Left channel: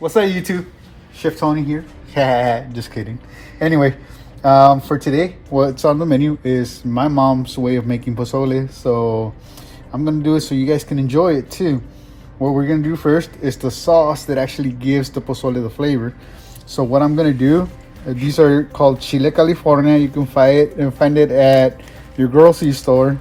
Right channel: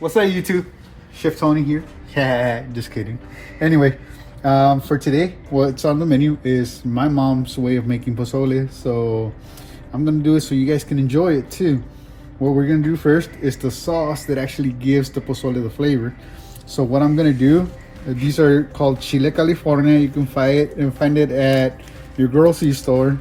What's up, YouTube? Chef Tony here. Just kidding. Anyway, for today, what's on the menu is my mom's way of making pozole. So I'm gonna do it so you guys can enjoy it too. What we're gonna do first is the sauce that actually gives the pozole the flavor. So what I'm gonna do, these are called Chile, California. You can find it at your grocery store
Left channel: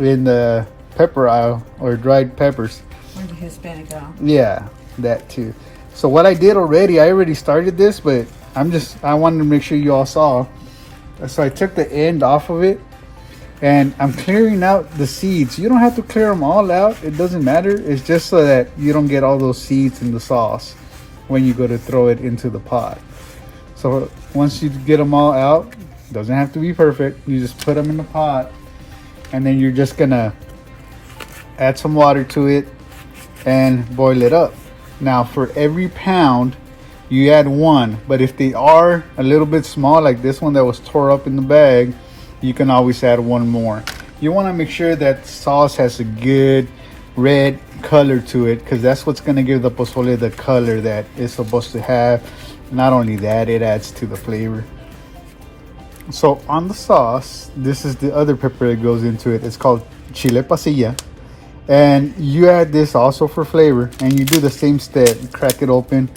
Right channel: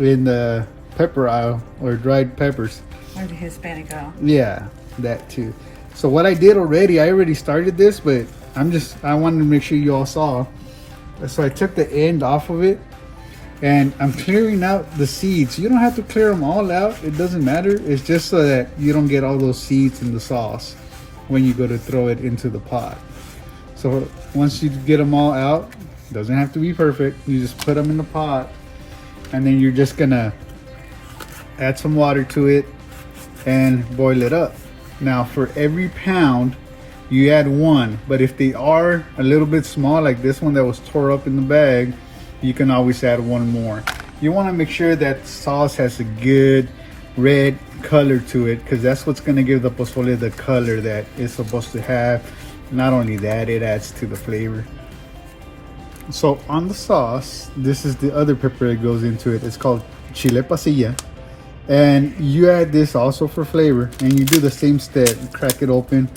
in the pepper aisle, or dried peppers. Or the Hispanic aisle. Yeah, that too. So what I did already, I already started this, but I wanted to make sure you all saw. So I took the end off of it and I'm clearing out the seeds. You don't have to clear them all out. It doesn't matter. It's just so that you don't get all those seeds in the sauce when you go to throw it into the pot. So once you get them all out, doesn't have to be perfect. You just put them in the pot and then you're just gonna add some water to it and boil it up. Now for every pound you add one, but if they are a little bit small, like this one that was tore up in the bag, you can always add one more. You want to make sure that sauce has a good red color to it, because that's what's going to give the pozole the color that it's supposed to have. Not only that, it adds to the flavor. So on the sauce, this is the other pepper that goes into it. It's called Chile Padilla. And you add this also for flavor, and you do the same step. You crack it open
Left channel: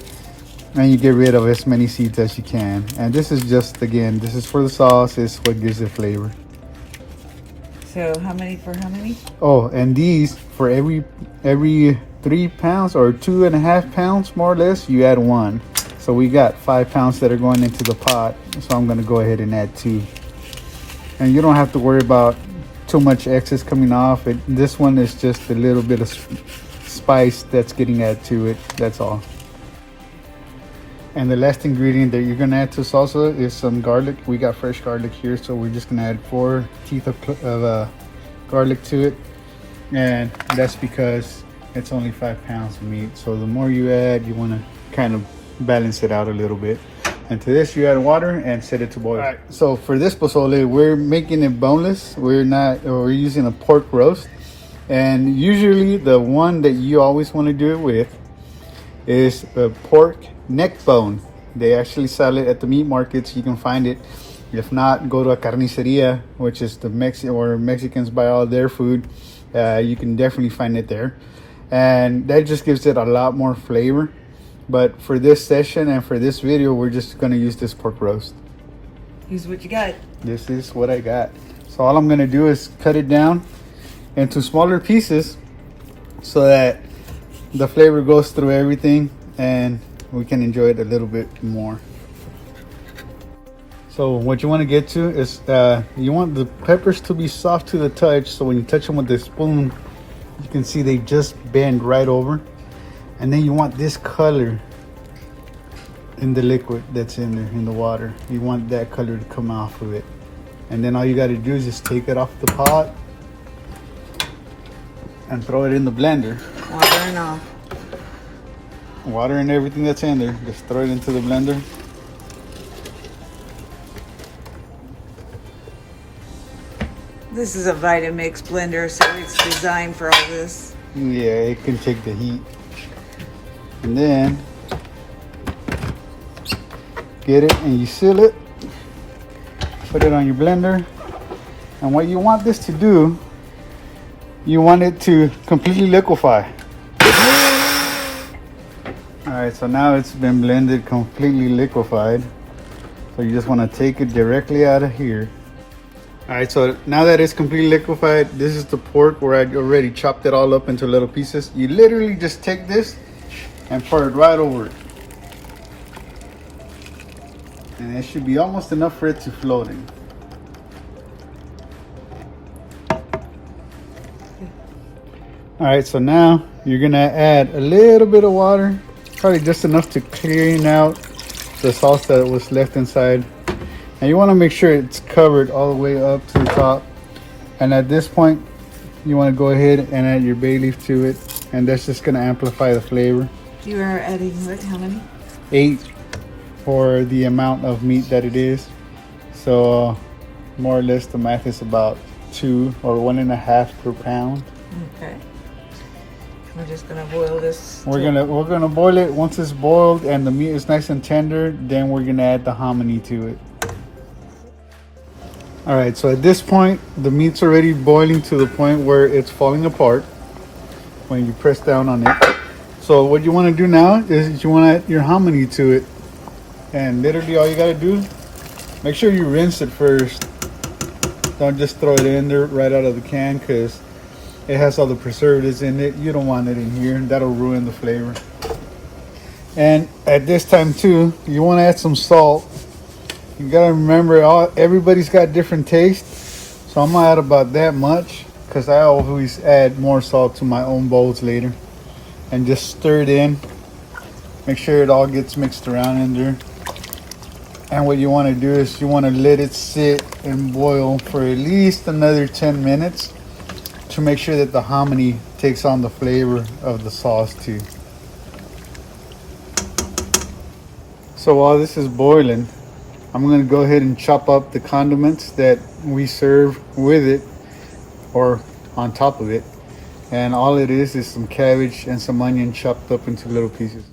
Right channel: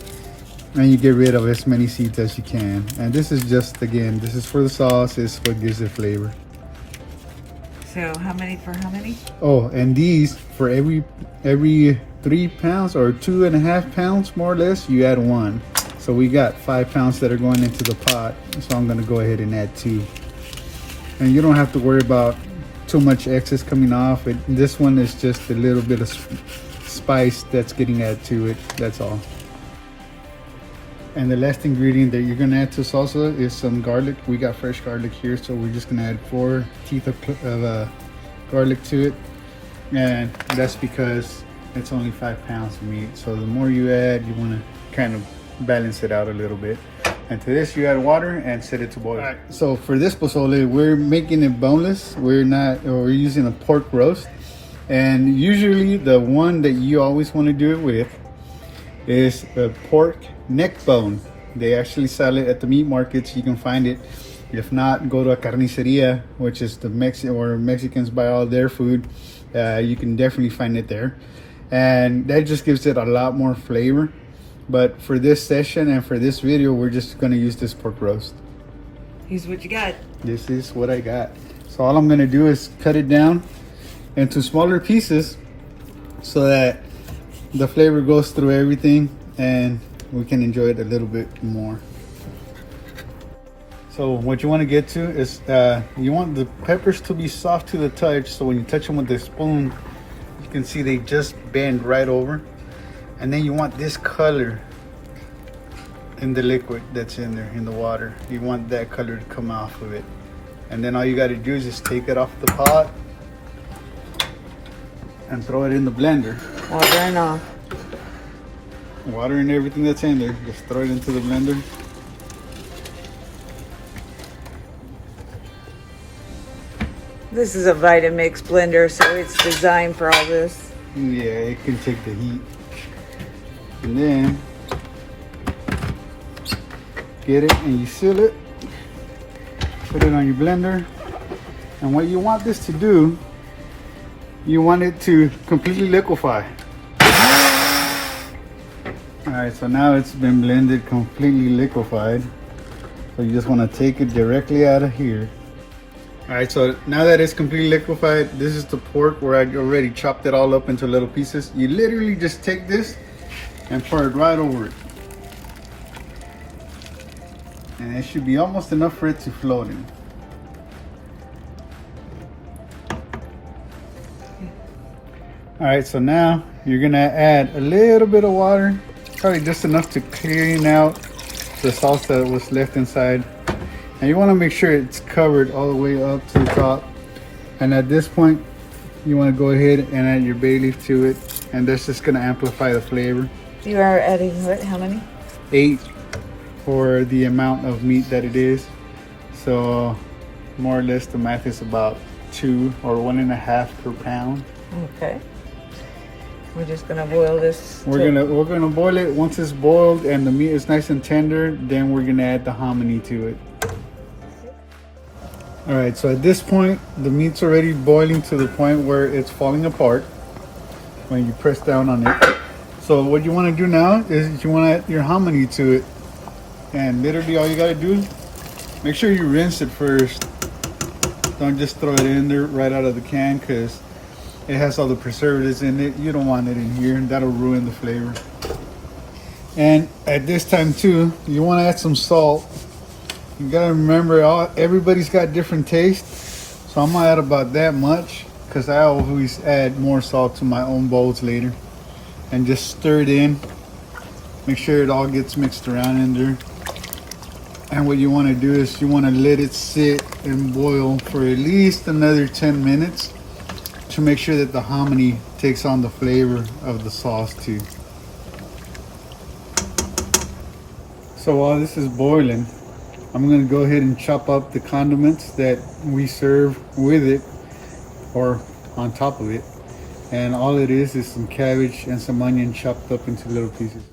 and you get rid of as many seeds as you can. And this is just, again, this is for the sauce. It's what gives it flavor. So how many for how many? Oh, and these, for every 3 pounds or 2.5 pounds more or less, you add one. So we got 5 pounds that are going into the pot, so I'm going to go ahead and add 2. And you don't have to worry about too much excess coming off. This one is just a little bit of spice that's getting added to it, that's all. And the last ingredient that you're gonna add to salsa is some garlic. We got fresh garlic here, so we're just gonna add 4 teeth of garlic to it, and that's because it's only 5 pounds of meat. So the more you add, you want to kind of balance it out a little bit. And to this, you add water and set it to boil. All right, so for this pozole, we're making it boneless. We're using a pork roast. And usually the one that you always want to do it with is a pork neck bone. They actually sell it at the meat markets. You can find it. If not, go to a carniceria, which is the where Mexicans buy all their food. You can definitely find it there. And that just gives it a lot more flavor. But for this session and for this video, we're just going to use this pork roast. Use what you got. This is what I got. So all I'm going to do is cut it down into smaller pieces so that the flavor goes through everything and we can enjoy it a little bit more. So what you want to get to is you want the peppers to be soft to the touch. So when you touch them with the spoon, you can see they just bend right over. And then you want this color in the liquid that's in there, in the water. You want that color to come off of it. And then all you got to do is just take it off the pot and throw it in the blender. Water and all. Water and everything that's in there, just throw it into the blender. This is a Vitamix blender, so it's designed for all this. Yeah, it can take the heat. And then get it and you seal it, put it on your blender. And what you want this to do, you want it to completely liquefy. All right, so now it's been blended, completely liquefied. So you just want to take it directly out of here. All right, so now that it's completely liquefied, this is the pork where I already chopped it all up into little pieces. You literally just take this and pour it right over it. And it should be almost enough for it to float in. All right, so now you're gonna add a little bit of water, probably just enough to clean out the sauce that was left inside. And you wanna make sure it's covered all the way up to the top. And at this point, you wanna go ahead and add your bay leaf to it. And that's just gonna amplify the flavor. You are adding what? How many? 8 for the amount of meat that it is. So more or less the math is about 2 or 1.5 per pound. Okay. We're just gonna boil this. We're gonna boil it. Once it's boiled and the meat is nice and tender, then we're gonna add the hominy to it. All right, so at this point, the meat's already boiling to the point where it's falling apart when you press down on it. So what you want to do now is you want to add your hominy to it, and literally all you gotta do, make sure you rinse it first. Don't just throw it in there right out of the can, because it has all the preservatives in it. You don't want it in here. That'll ruin the flavor. And at this time too, you want to add some salt. You gotta remember, everybody's got different tastes. So I'm gonna add about that much, because I always add more salt to my own bowls later. And just stir it in. Make sure it all gets mixed around in there. And what you want to do is you want to let it sit and boil for at least another 10 minutes to make sure that the hominy takes on the flavor of the sauce too. So while this is boiling, I'm going to go ahead and chop up the condiments that we serve with it or on top of it. And all it is some cabbage and some onion chopped up into little pieces.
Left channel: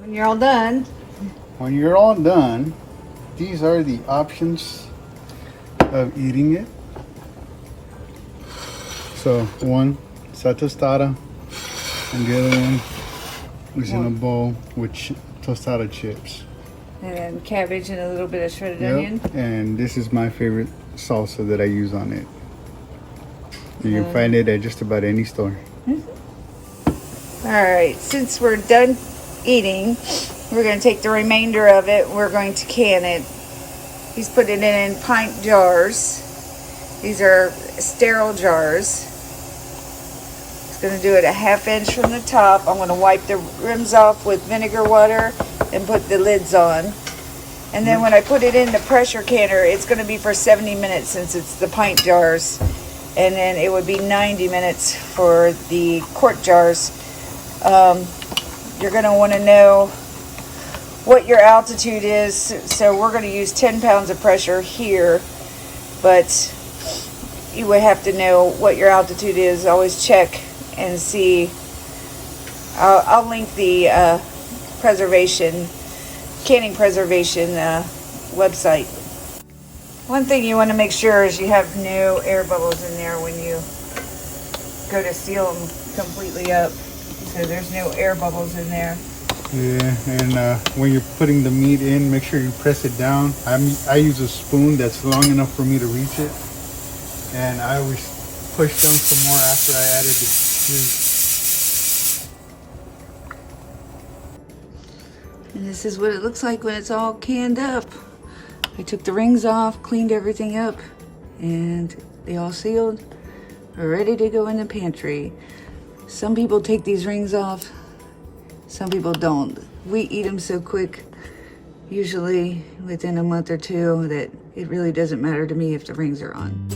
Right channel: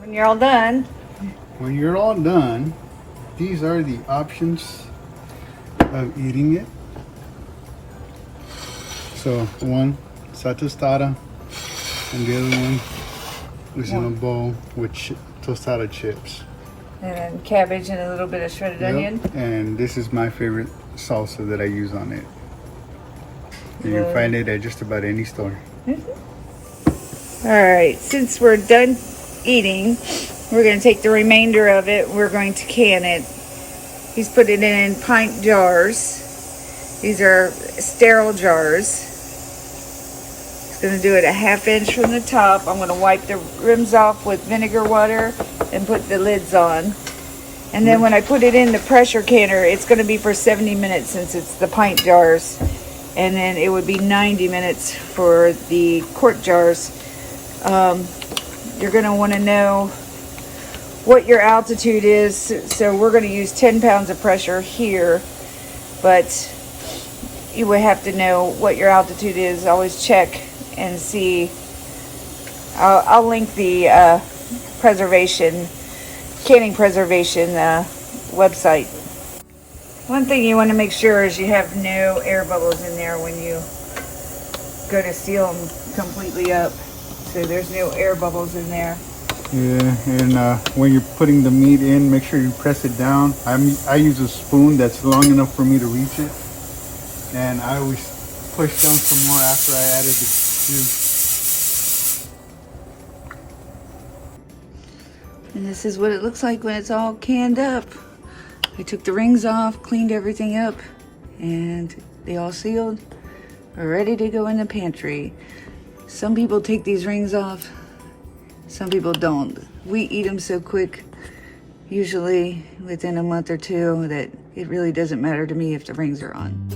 When you're all done. When you're all done, these are the options of eating it. So one, sa tostada, and the other one is in a bowl with tostada chips. And then cabbage and a little bit of shredded onion. And this is my favorite salsa that I use on it. You can find it at just about any store. All right, since we're done eating, we're going to take the remainder of it. We're going to can it. He's put it in pint jars. These are sterile jars. He's going to do it a 1/2 inch from the top. I'm going to wipe the rims off with vinegar water and put the lids on. And then when I put it in the pressure canner, it's going to be for 70 minutes since it's the pint jars. And then it would be 90 minutes for the quart jars. You're going to want to know what your altitude is. So we're going to use 10 pounds of pressure here, but you would have to know what your altitude is. Always check and see. I'll link the canning preservation website. One thing you want to make sure is you have no air bubbles in there when you go to seal them completely up. So there's no air bubbles in there. Yeah, and when you're putting the meat in, make sure you press it down. I use a spoon that's long enough for me to reach it. And I always push down some more after I added the juice. And this is what it looks like when it's all canned up. I took the rings off, cleaned everything up, and they all sealed, are ready to go in the pantry. Some people take these rings off, some people don't. We eat them so quick, usually within a month or two, that it really doesn't matter to me if the rings are on.